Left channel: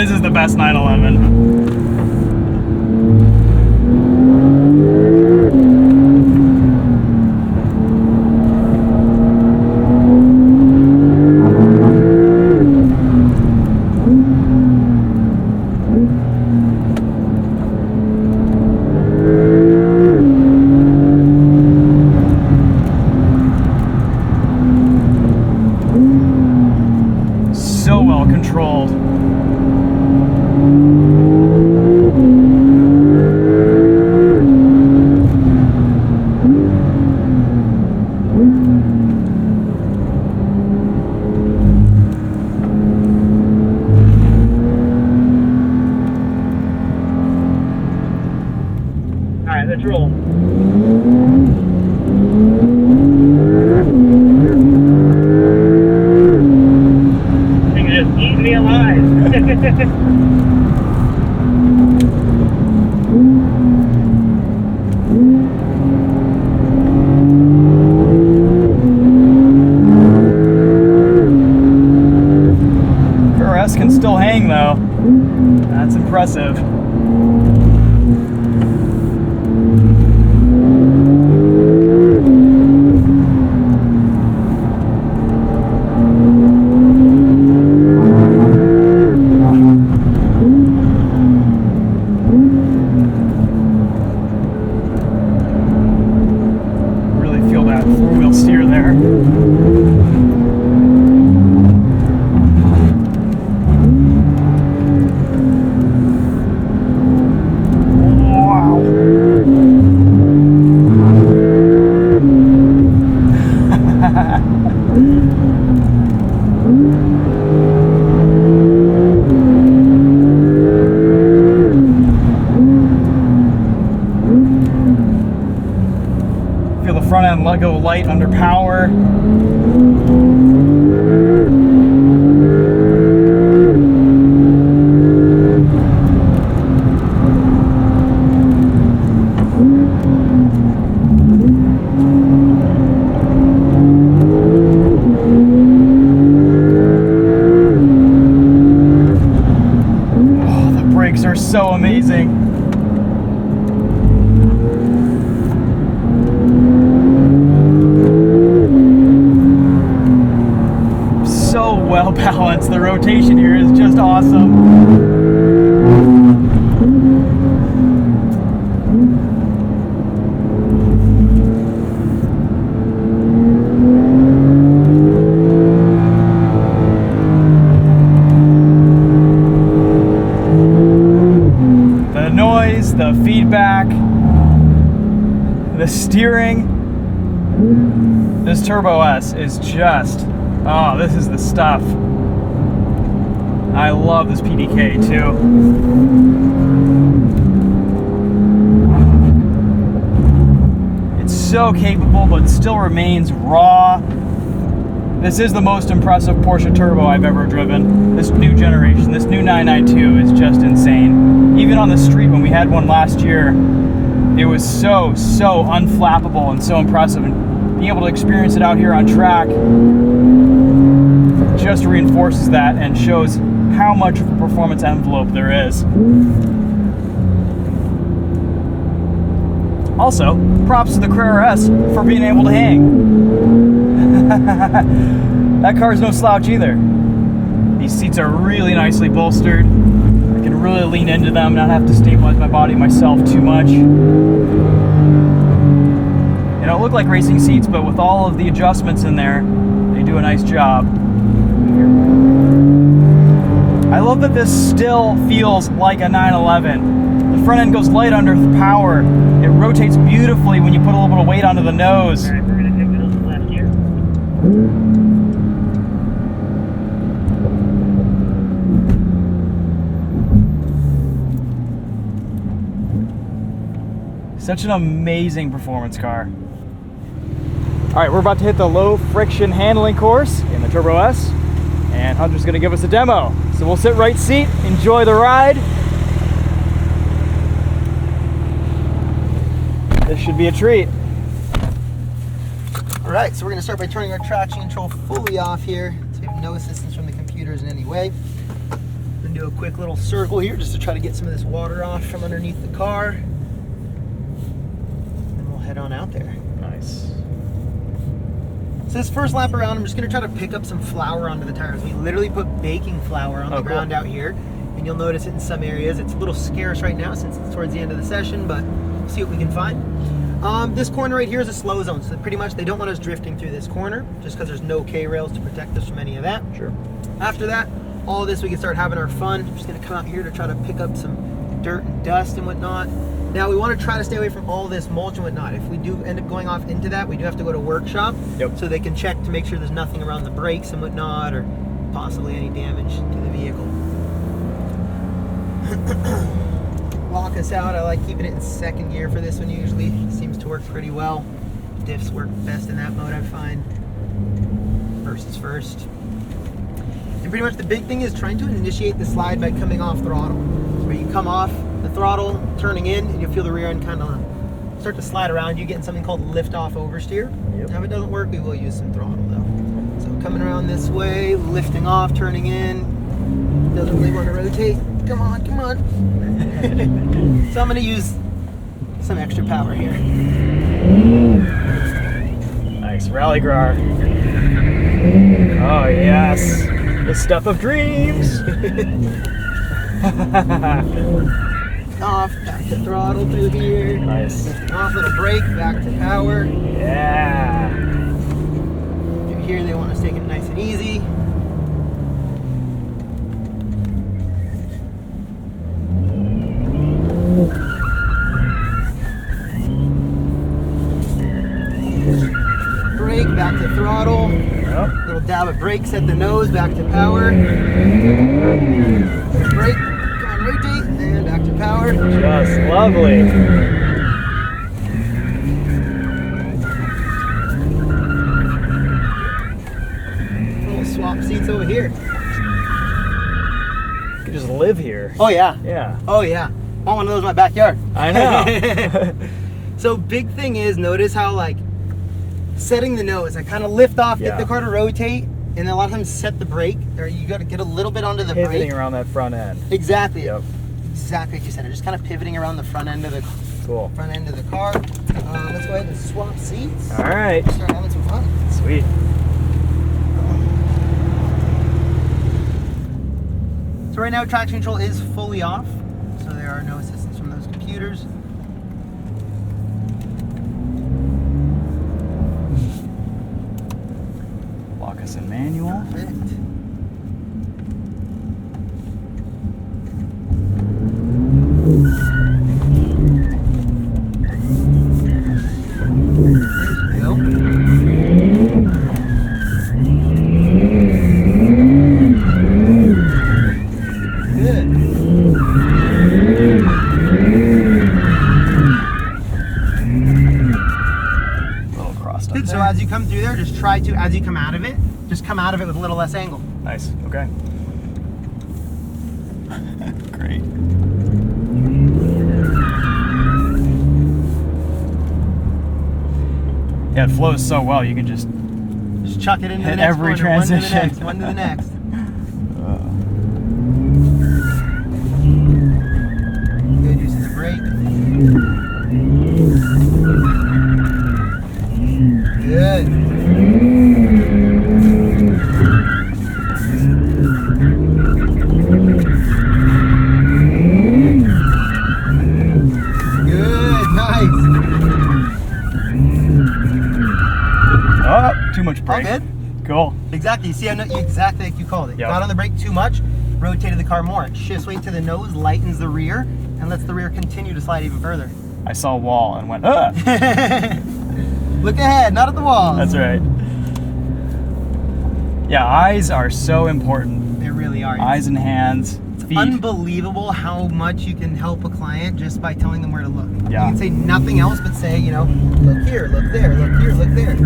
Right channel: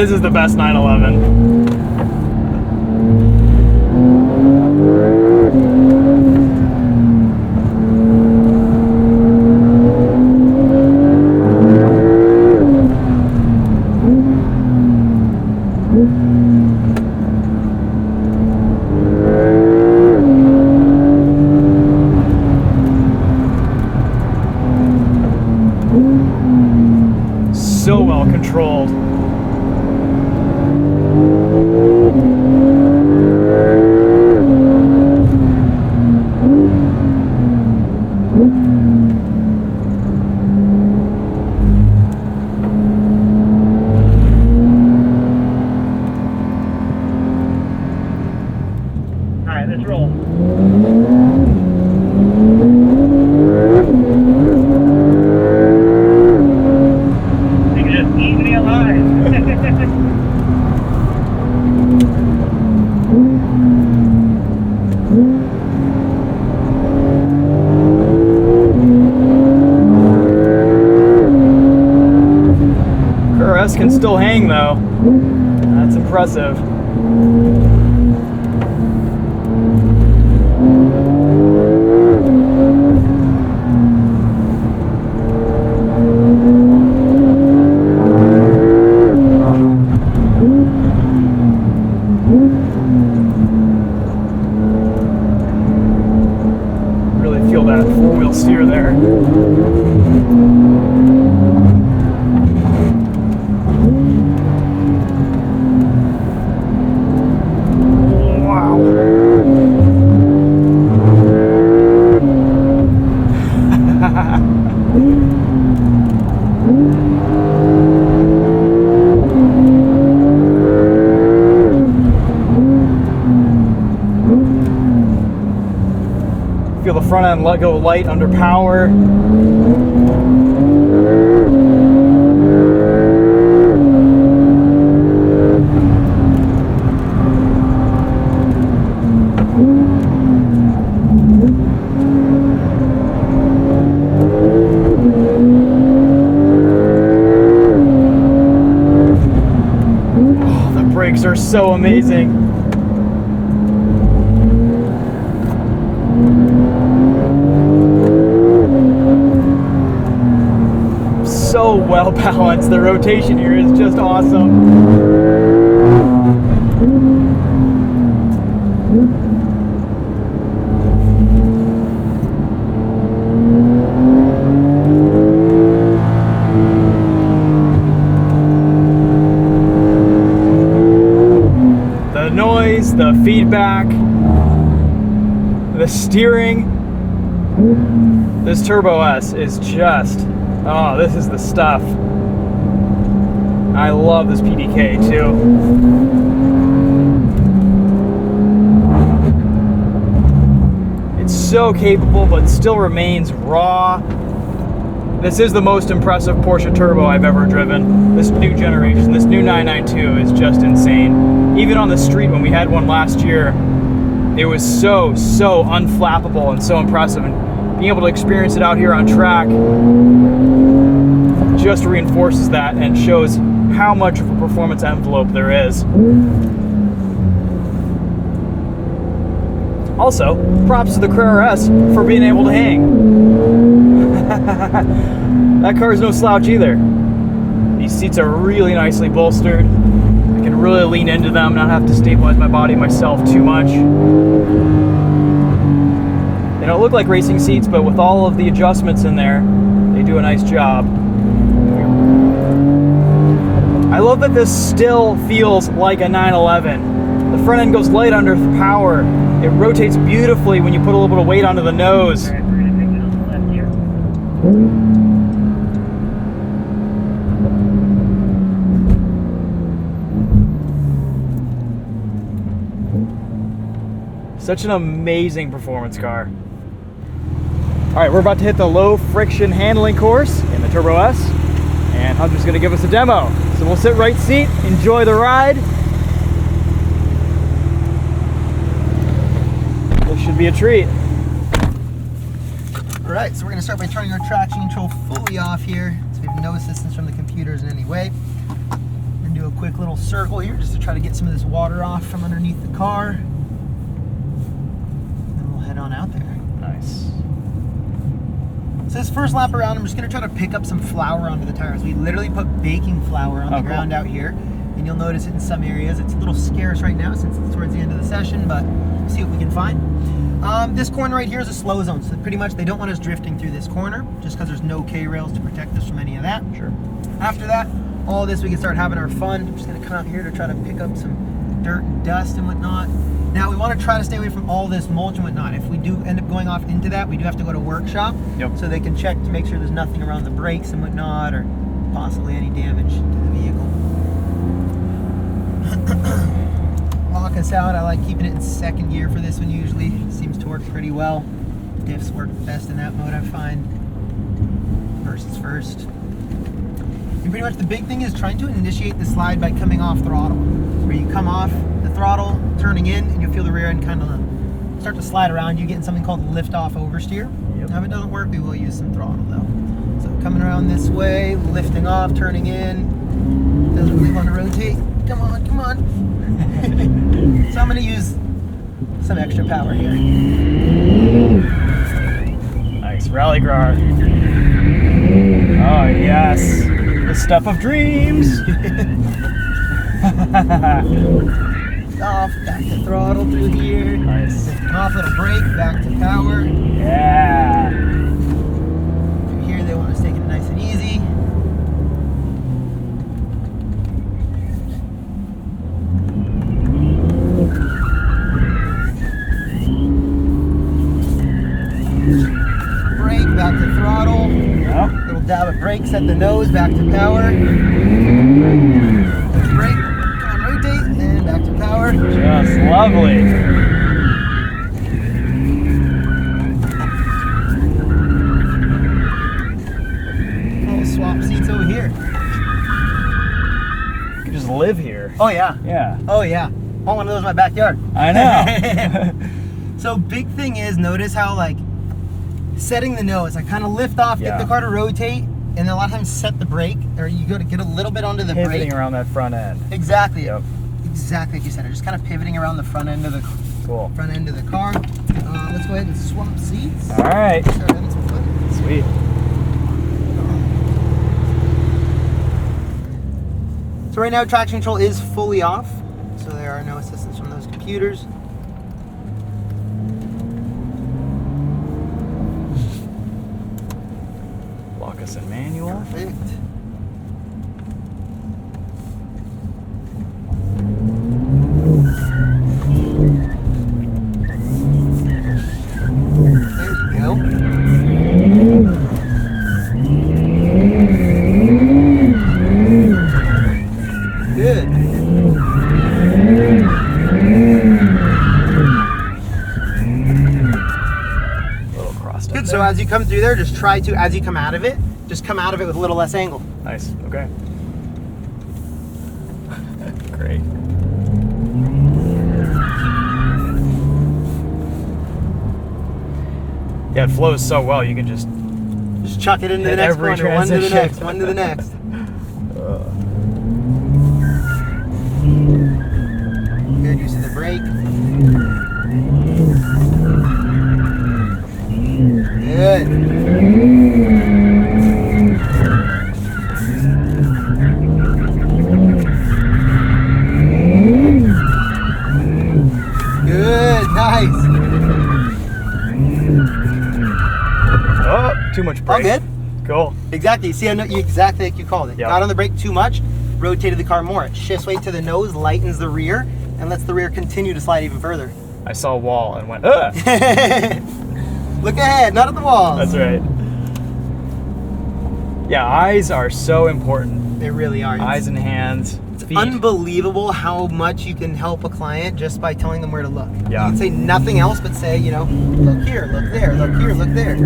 This is the best 911. So well controlled. All right, let's roll. Eat me alive. RS can still hang though. That's impressive. Feel that four-wheel steer there. Wow. Feel the front end let go light under power. Oh, the brakes are so amazing. So well balanced. The rotation here is just awesome. The noise, the feedback, the steering. This Turbo S is just, oh, this is the stuff. I love this PDK too. It's so capable, but still remains raw. This is the most impressive Porsche Turbo I've ever driven. This new generation, this new 992 is just insane. Even on the street when we had one last year, it was so unflappable and so impressive. And being able to experience it out here on track just reinforces that and shows how much of a performance envelope there is. Also, props to the Carrera S for being able to hang. That car's no slouch either. These seats are really nicely bolstered. I can really lean into them, not have to stabilize my body myself too much. They don't look like racing seats, but with all of the adjustments in there, they do a nice job. I love that this still feels like a 911. The front end goes light under power. It rotates beautifully when you put a little bit of weight onto the nose. Such an amazing performance car. All right, we're about to hit the low friction handling course in the Turbo S, and Hunter's gonna give us a demo. So we'll sit right seat, enjoy the ride. This should be a treat. All right, so we're gonna start by turning our traction control fully off here. So we have no assistance from the computers in any way. We're gonna do a quick little circle here just to try to get some of this water off from underneath the car. And we'll head on out there. Nice. So this first lap around, I'm just going to try to pick up some flour onto the tires. We literally put baking flour on the ground out here. And you'll notice it in some areas. It's a little scarce right now since it's towards the end of the session, but see what we can find. This corner right here is a slow zone, so pretty much they don't want us drifting through this corner just because there's no K-rails to protect us from any of that. Sure. After that, all of this we can start having our fun. I'm just going to come out here to try to pick up some dirt and dust and whatnot. Now we want to try to stay away from all this mulch and whatnot. If we do end up going off into that, we do have to go to workshop so they can check to make sure there's nothing around the brakes and whatnot, or possibly any damage to the vehicle. Lock us out. I like keeping it in second gear for this one usually. It seems to work pretty well. Diffs work best in that mode, I find. Versus first. And pretty much the big thing is trying to initiate the slide by coming off throttle. Where you come off the throttle, turning in, and you'll feel the rear end kind of start to slide around. You get something called lift off oversteer. Now if it doesn't work, we will use some throttle though. So coming around this way, lifting off, turning in. Doesn't really want to rotate. Come on, come on. So I'm going to use some extra power here. Nice. Rally Grar. Oh, yes. The stuff of dreams. Off, back to throttle through here. Nice. Off, little brake, back to power. Yeah. Through here, they want us taking it nice and easy. Brake, back to throttle. Yep. Little dab of brake, set the nose, back to power. Brake, come on, rotate, and back to power. Just lovely. We'll swap seats over here. You could just live here. Oh yeah. Yeah. Oh yeah. Want one of those in my backyard. I know. So big thing is, notice how like setting the nose, I kind of lift off, get the car to rotate, and a lot of times set the brake, or you got to get a little bit onto the brake. Pivoting around that front end. Exactly. Yep. Exactly what you said. Just kind of pivoting around the front end of the front end of the car. Let's go ahead and swap seats. All right. Start having some fun. Sweet. So right now traction control is fully off, so there are no assistance from those computers. Lock us in manual. Perfect. So as you come through there, just try to, as you come out of it, just come out of it with a little less angle. Nice. Okay. Great. Yeah, it flows so well. You can just chuck it into hit the next every corner, transition. one to the next, one to the next. Good use of the brake. Good. Good, nice. Oh, too much brake. All good. Cool. Exactly. See, I know exactly like you called it. Yep. Got on the brake too much, rotated the car more. It shifts weight to the nose, lightens the rear, and lets the rear continue to slide even further. I saw a wall and went, ah! Look ahead, not at the walls. That's right. Yeah, eyes are so important. They really are. Eyes and hands, feet. Unbelievable how much you can help a client just by telling them where to look. Yeah. You can say nothing else but say, you know, look here, look there, look here, look there.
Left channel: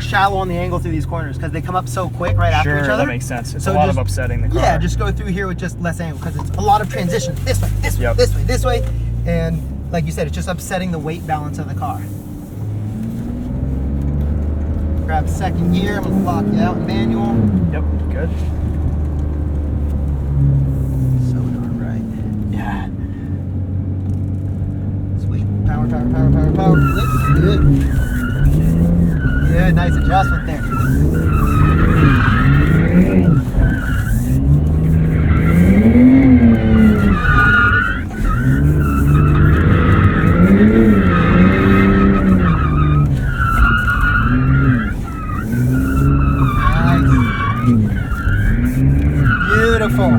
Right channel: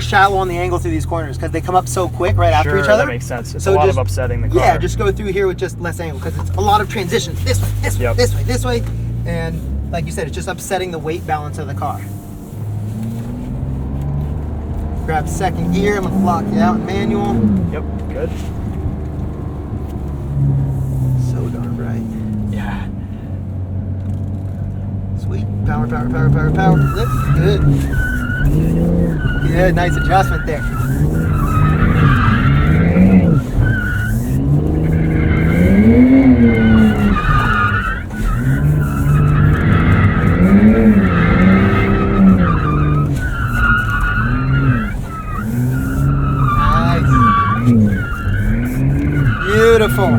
Shallow on the angle through these corners because they come up so quick right after each Sure, other. that makes sense. It's So a lot just- of upsetting the car. Yeah, just go through here with just less angle because it's a lot of transition. This way, this way, Yep. this way, this way. And like you said, it's just upsetting the weight balance of the car. Grab second gear. I'm gonna lock you out in manual. Yep, good. So darn right. Yeah. Sweet. Power, power, power, power, power. Lift. Good. Good. Nice adjustment there. Beautiful.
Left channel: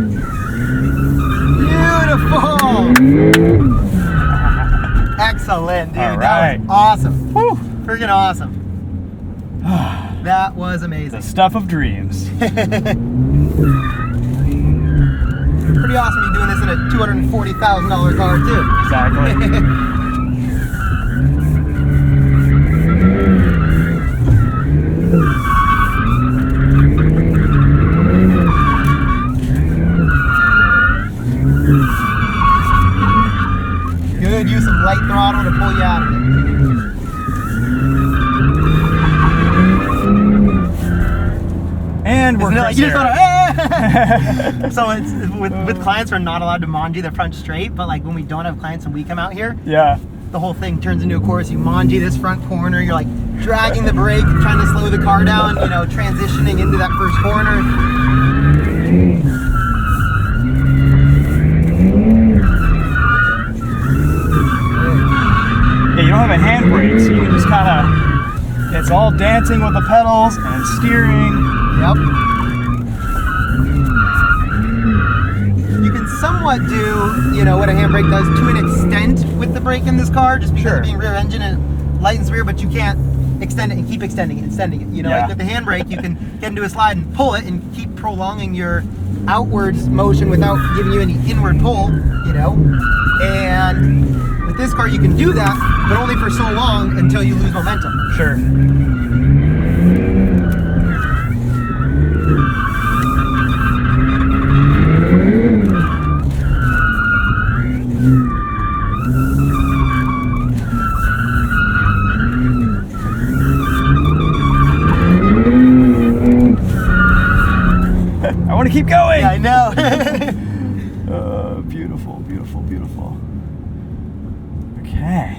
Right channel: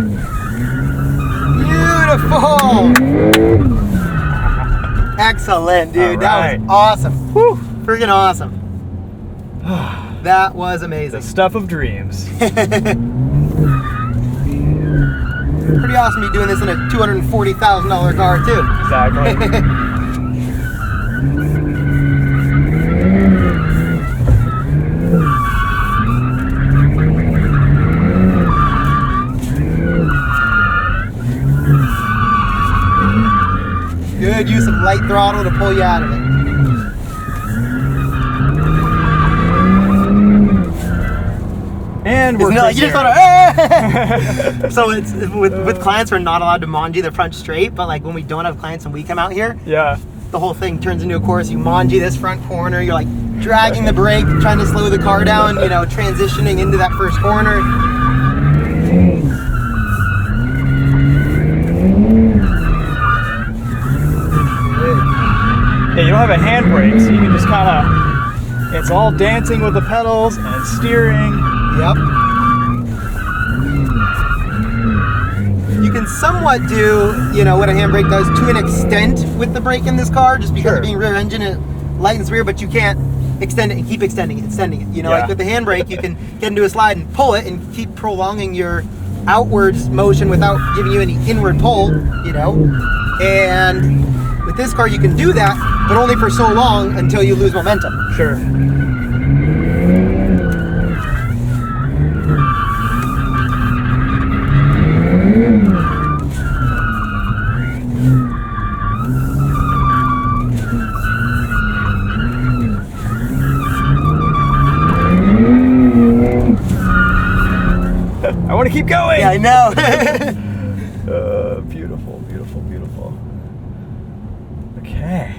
Beautiful. Excellent, dude. All That right. was awesome. Whew. Freaking awesome. That was amazing. The stuff of dreams. Pretty awesome to be doing this in a $240,000 car, too. Exactly. Good use of light throttle to pull you out of it. And we're It's not- Chris you just here. gotta, So it's with clients, we're not allowed to manji the front straight, but like when we don't have clients and we come out here, Yeah. the whole thing turns into a course. You manji this front corner, you're like dragging the brake, trying to slow the car down, you know, transitioning into that first corner. Yeah, you don't have a handbrake, so you can just kind of, it's all dancing with the pedals and steering. Yep. You can somewhat do, you know, what a handbrake does to an extent with the brake in this car, just because Sure. of being rear engine, it lightens rear, but you can't extend it and keep extending it, extending it. You know, Yeah. like with the handbrake, you can get into a slide and pull it and keep prolonging your outwards motion without giving you any inward pull, you know. And with this car, you can do that, but only for so long until you lose momentum. Sure. I want to keep going. Yeah, I know. Beautiful, beautiful, beautiful. Okay.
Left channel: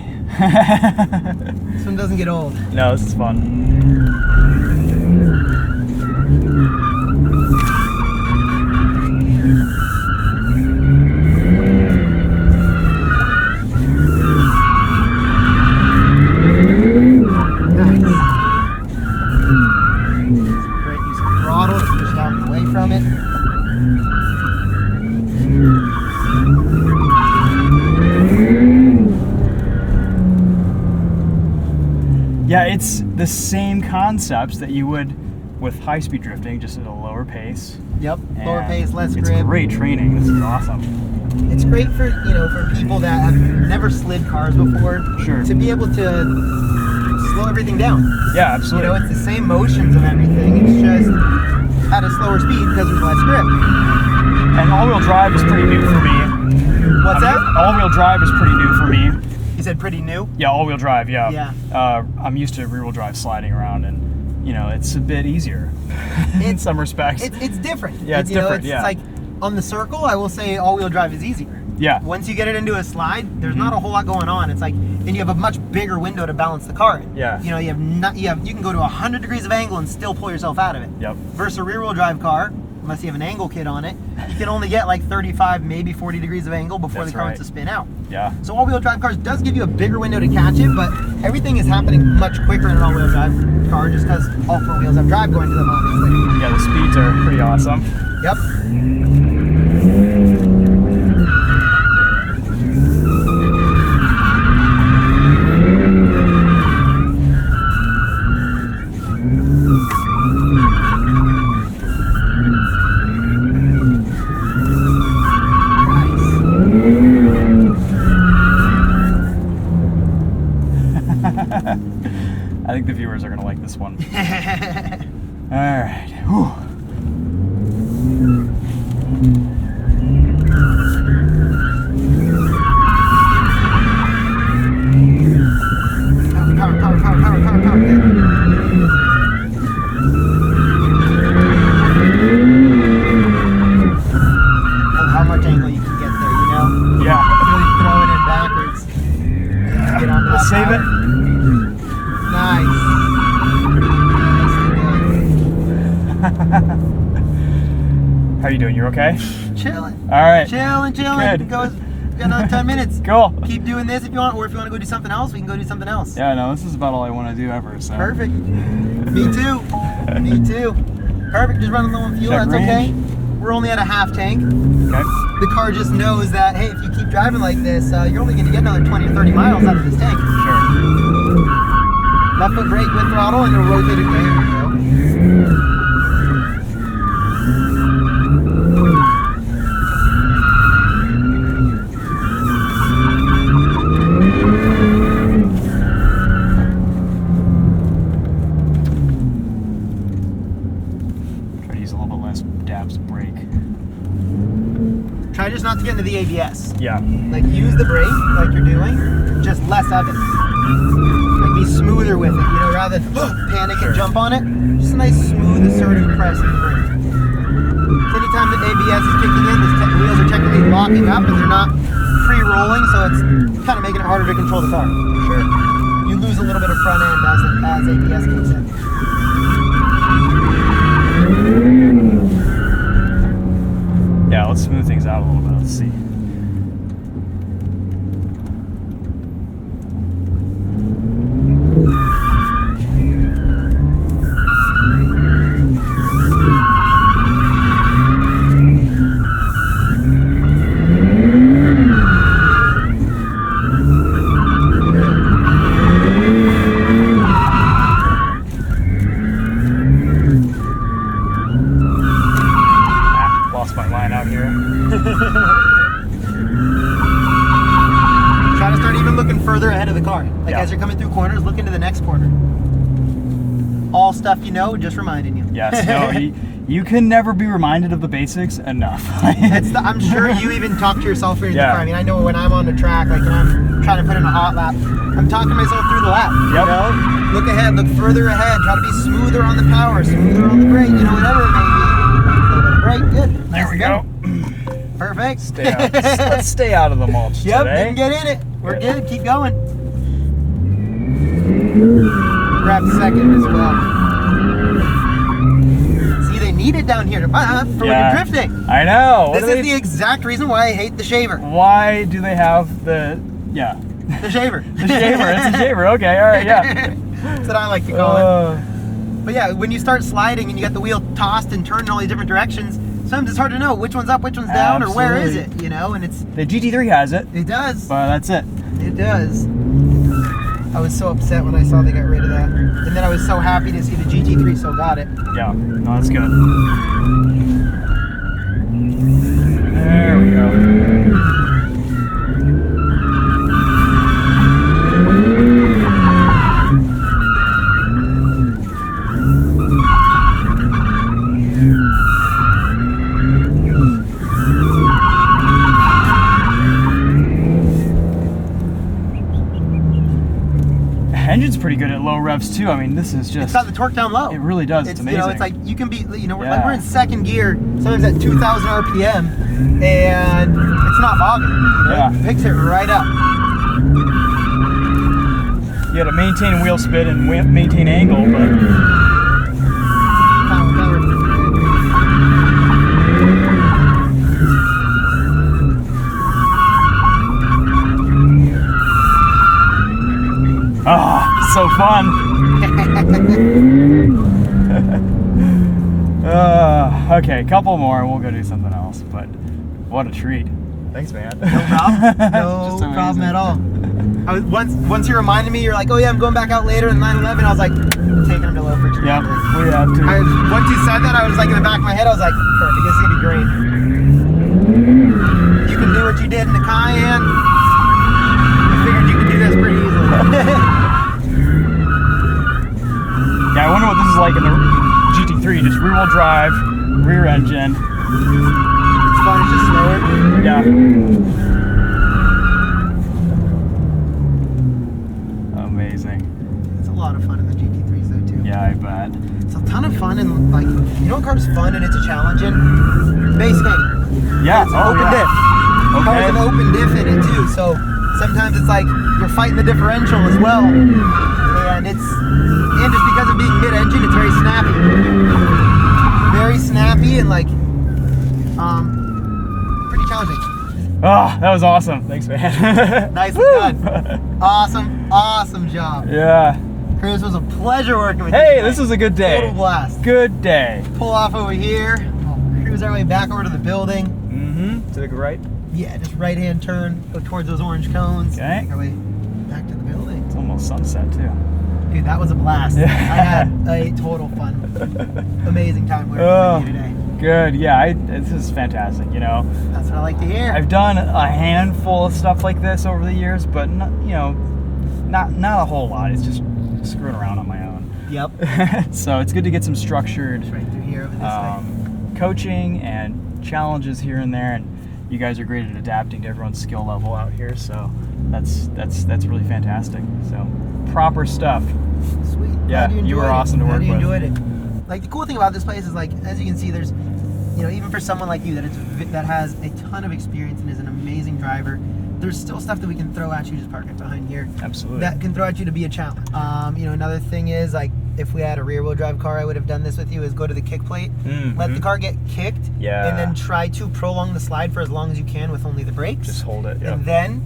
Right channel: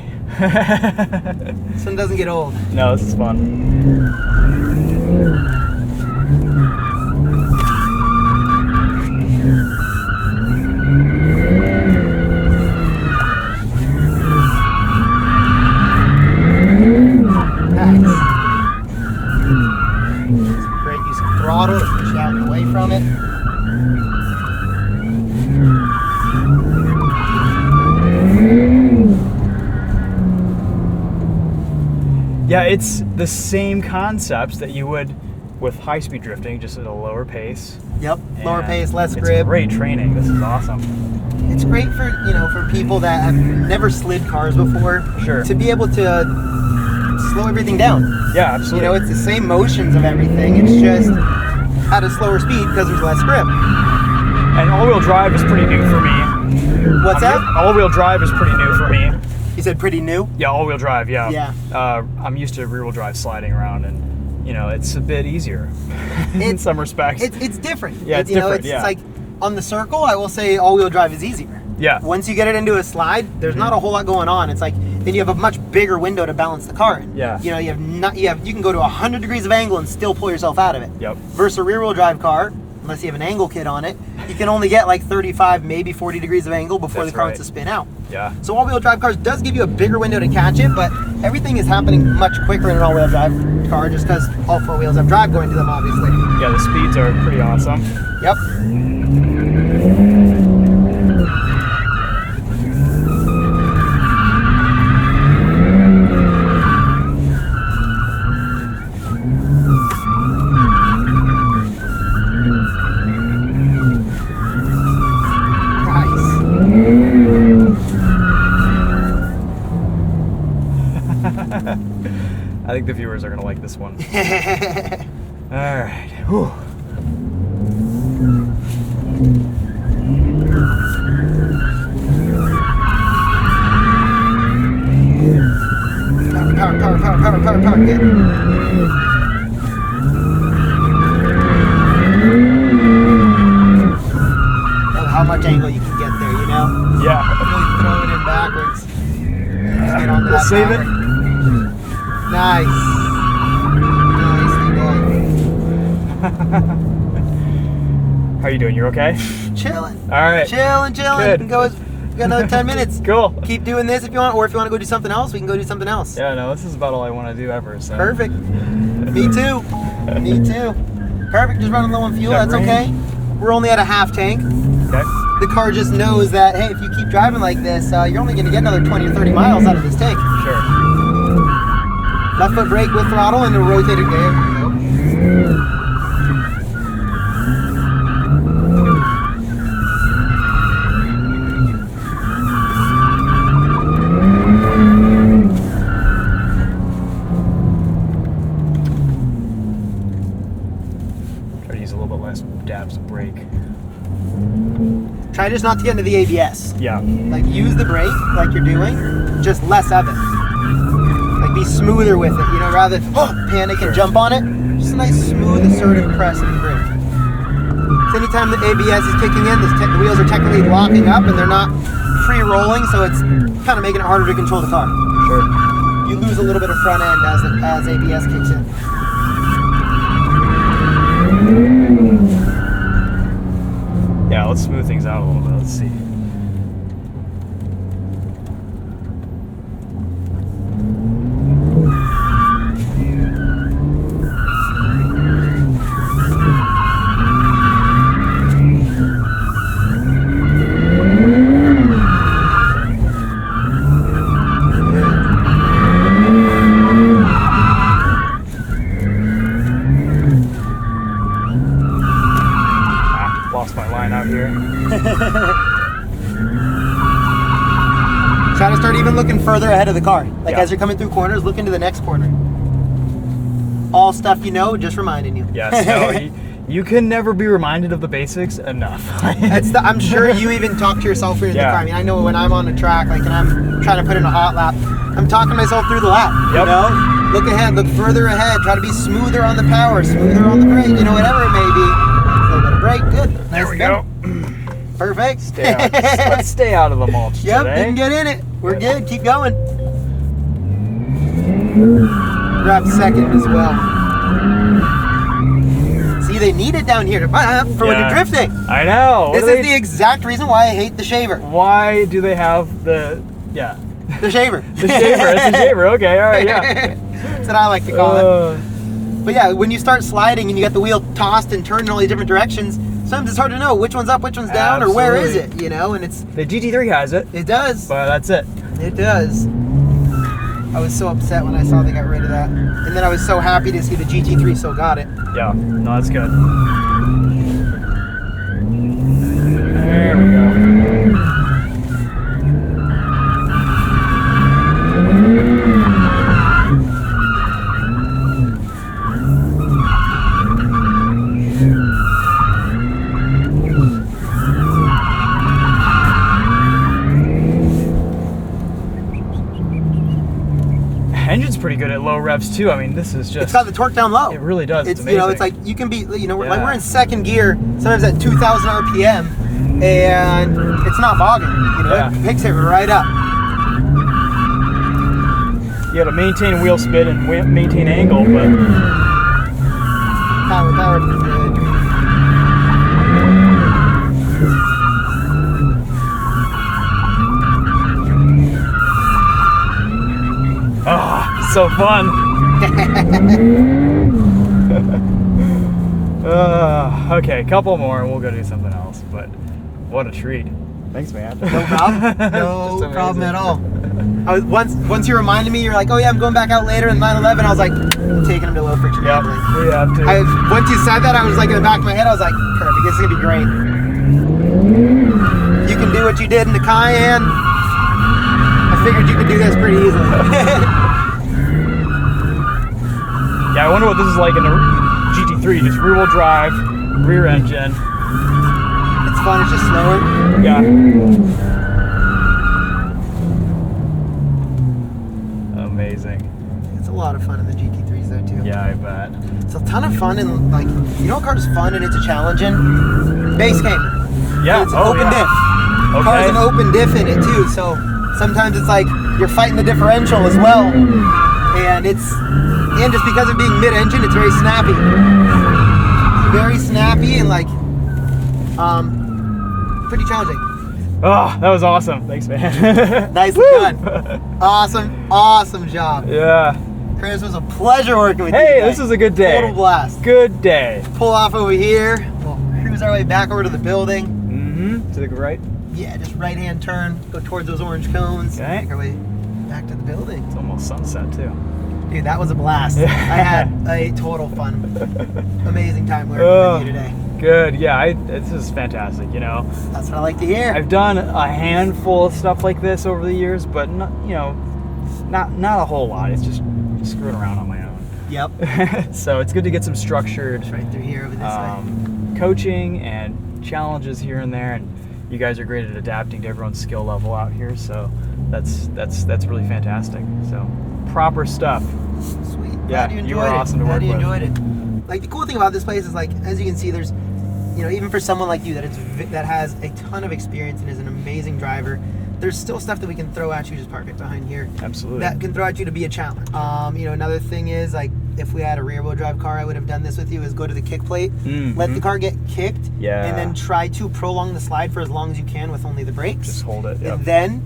This one doesn't get old. No, this is fun. Nice. Great use of throttle to push out and away from it. Yeah, it's the same concepts that you would with high-speed drifting, just at a lower pace. Yep. Lower And pace, less it's grip. great training. This is awesome. It's great for, you know, for people that have never slid cars before. Sure. To be able to slow everything down. Yeah, You absolutely. know, it's the same motions of everything. It's just at a slower speed because there's less grip. And all-wheel drive is pretty new for me. What's that? All-wheel drive is pretty new for me. You said pretty new? Yeah, all-wheel drive. Yeah. Yeah. I'm used to rear-wheel drive sliding around, and you know, it's a bit easier in some respects. It's different. Yeah, it's You know, different, yeah. It's like on the circle, I will say all-wheel drive is easier. Yeah. Once you get it into a slide, there's not a whole lot going on. It's like then you have a much bigger window to balance the car in. Yeah. You know, you can go to 100 degrees of angle and still pull yourself out of it. Yep. Versus a rear-wheel drive car, unless you have an angle kit on it, you can only get like 35, maybe 40 degrees of angle before That's the car right. wants to spin out. Yeah. So all-wheel drive cars does give you a bigger window to catch it, but everything is happening much quicker in an all-wheel drive car just because all four wheels have drive going to them, obviously. Yeah, the speeds are pretty awesome. Yep. I think the viewers are gonna like this one. All right. Whew. Power. Good. How much angle you can get there, you know? Yeah. You throw it in backwards. Get on We'll that save power. it. Nice. How you doing? You okay? Chilling. All right. Chilling. Good. We can go. We got another 10 minutes. Cool. Keep doing this if you want, or if you want to go do something else, we can go do something else. Yeah, no, this is about all I want to do ever. So. Perfect. Me too. Me too. Perfect. Just running low on fuel. Check That's range. okay. We're only at a half tank. Okay. The car just knows that, hey, if you keep driving like this, you're only going to get another 20 or 30 miles out of this tank. Sure. Left foot brake with throttle and a rotated way. There we go. Try to use a little bit less dabs of brake. Try just not to get into the ABS. Yeah. Like, use the brake like you're doing, just less of it. Like, be smoother with it, you know, rather than panic Sure. and jump on it. Just a nice, smooth, assertive press and brake. So anytime the ABS is kicking in, the wheels are technically locking up and they're not free-rolling, so it's kind of making it harder to control the car. Sure. You lose a little bit of front end as ABS kicks in. Yeah, let's smooth things out a little bit. Let's see. Lost my line out here. Try to start even looking further ahead of the car. Like, Yeah. as you're coming through corners, look into the next corner. All stuff you know, just reminding you. Yes, no, you can never be reminded of the basics enough. I'm sure you even talk to yourself when you're in the Yeah. car. I mean, I know when I'm on the track, like, and I'm trying to put in a hot lap, I'm talking to myself through the lap. Yep. You know? Look ahead, look further ahead, try to be smoother on the power, smoother on the brake, you know, whatever it may be. A little bit of brake, good. There we go. Perfect. Stay out. Let's stay out of the mulch Yep, today. didn't get in it. We're good, keep going. Grab second as well. See, they need it down here for when you're drifting. I know. This is the exact reason why I hate the shaver. Why do they have the The shaver. the shaver? It's a shaver. Okay, all right, yeah. That's what I like to call it. But yeah, when you start sliding and you got the wheel tossed and turned in all these different directions, sometimes it's hard to know which one's up, which one's down, or where is it, you know? And The GT3 has it, it does. but that's it. It does. I was so upset when I saw they got rid of that. And then I was so happy to see the GT3 still got it. Yeah, no, that's good. There we go. Engine's pretty good at low revs too. I mean, this is just. It's got the torque down low. It really does. It's amazing. You know, it's like you can be, you know, Yeah. like we're in second gear, sometimes at 2,000 RPM, and it's not bogging. You know? Yeah. It picks it right up. You got to maintain wheel spin and maintain angle, but Power. so fun. Okay, a couple more and we'll go do something else. But what a treat. Thanks, man. No problem. Just No amazing. problem at all. Once you reminded me, you're like, oh yeah, I'm going back out later in 911. I was like, taking him to low friction. Yep, we have to. Once you said that, I was like in the back of my head, I was like, perfect, this is gonna be great. You can do what you did in the Cayenne. I figured you could do this pretty easily. Yeah, I wonder what this is like in the GT3, just rear-wheel drive, rear engine. It's fun, it's just slower. Yeah. Amazing. It's a lot of fun in the GT3s though too. Yeah, I bet. It's a ton of fun, and like, you know what car's fun and it's a challenge in? Base game. Yeah, It's an open diff. Okay. Car's an open diff in it too, so sometimes it's like you're fighting the differential as well. And just because of being mid-engine, it's very snappy. Very snappy and like, pretty challenging. Oh, that was awesome. Thanks, man. Nicely done. Awesome job. Yeah. Chris, it was a pleasure working with you. Hey, this was a good day. Total blast. Good day. Pull off over here. We'll cruise our way back over to the building. Mm-hmm. To the right. Yeah, just right-hand turn. Go towards those orange cones. Okay. Make our way back to the building. It's almost sunset too. Dude, that was a blast. Yeah. I had a total fun, amazing time working with you today. Good. Yeah, this is fantastic. You know, That's what I like to hear. I've done a handful of stuff like this over the years, but not a whole lot. It's just screwing around on my own. Yep. So it's good to get some structured It's right through here over this way. coaching and challenges here and there, and you guys are great at adapting to everyone's skill level out here. So that's really fantastic. So proper stuff. Sweet. Yeah, you were awesome to work with. Enjoyed it. Like, the cool thing about this place is, like, as you can see, there's, you know, even for someone like you that has a ton of experience and is an amazing driver, there's still stuff that we can throw at you. Just park it behind here. Absolutely. That can throw at you to be a challenge. You know, another thing is, like, if we had a rear-wheel drive car, I would have done this with you, is go to the kick plate, let the car get kicked, and then try to prolong the slide for as long as you can with only the brakes. Just hold it. Yep. And then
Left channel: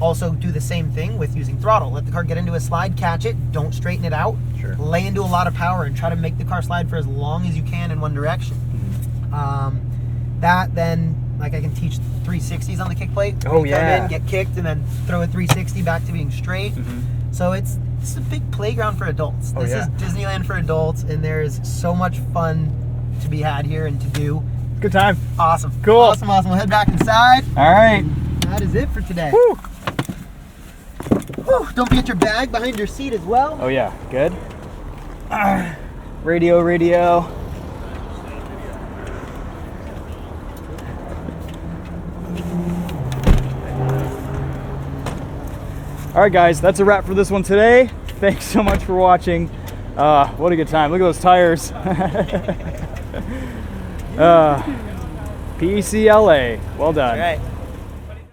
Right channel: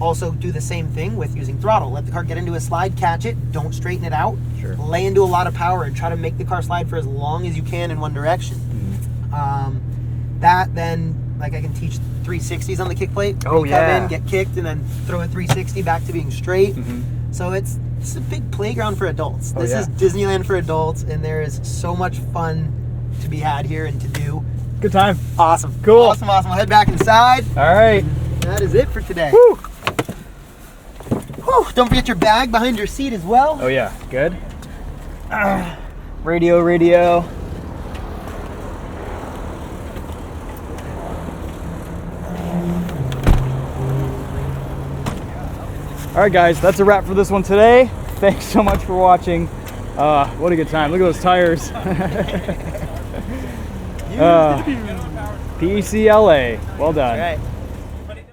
also do the same thing with using throttle. Let the car get into a slide, catch it, don't straighten it out, lay into a lot of power and try to make the car slide for as long as you can in one direction. That then, like, I can teach 360s on the kick plate. Oh, yeah. Come in, get kicked, and then throw a 360 back to being straight. So this is a big playground for adults. This is Disneyland for adults, and there is so much fun to be had here and to do. Good time. Awesome. Cool. Awesome. We'll head back inside. All right. That is it for today. Woo. Whew, don't forget your bag behind your seat as well. Oh yeah, good. Radio. All right, guys, that's a wrap for this one today. Thanks so much for watching. What a good time. Look at those tires. PCLA. Well done. That's right.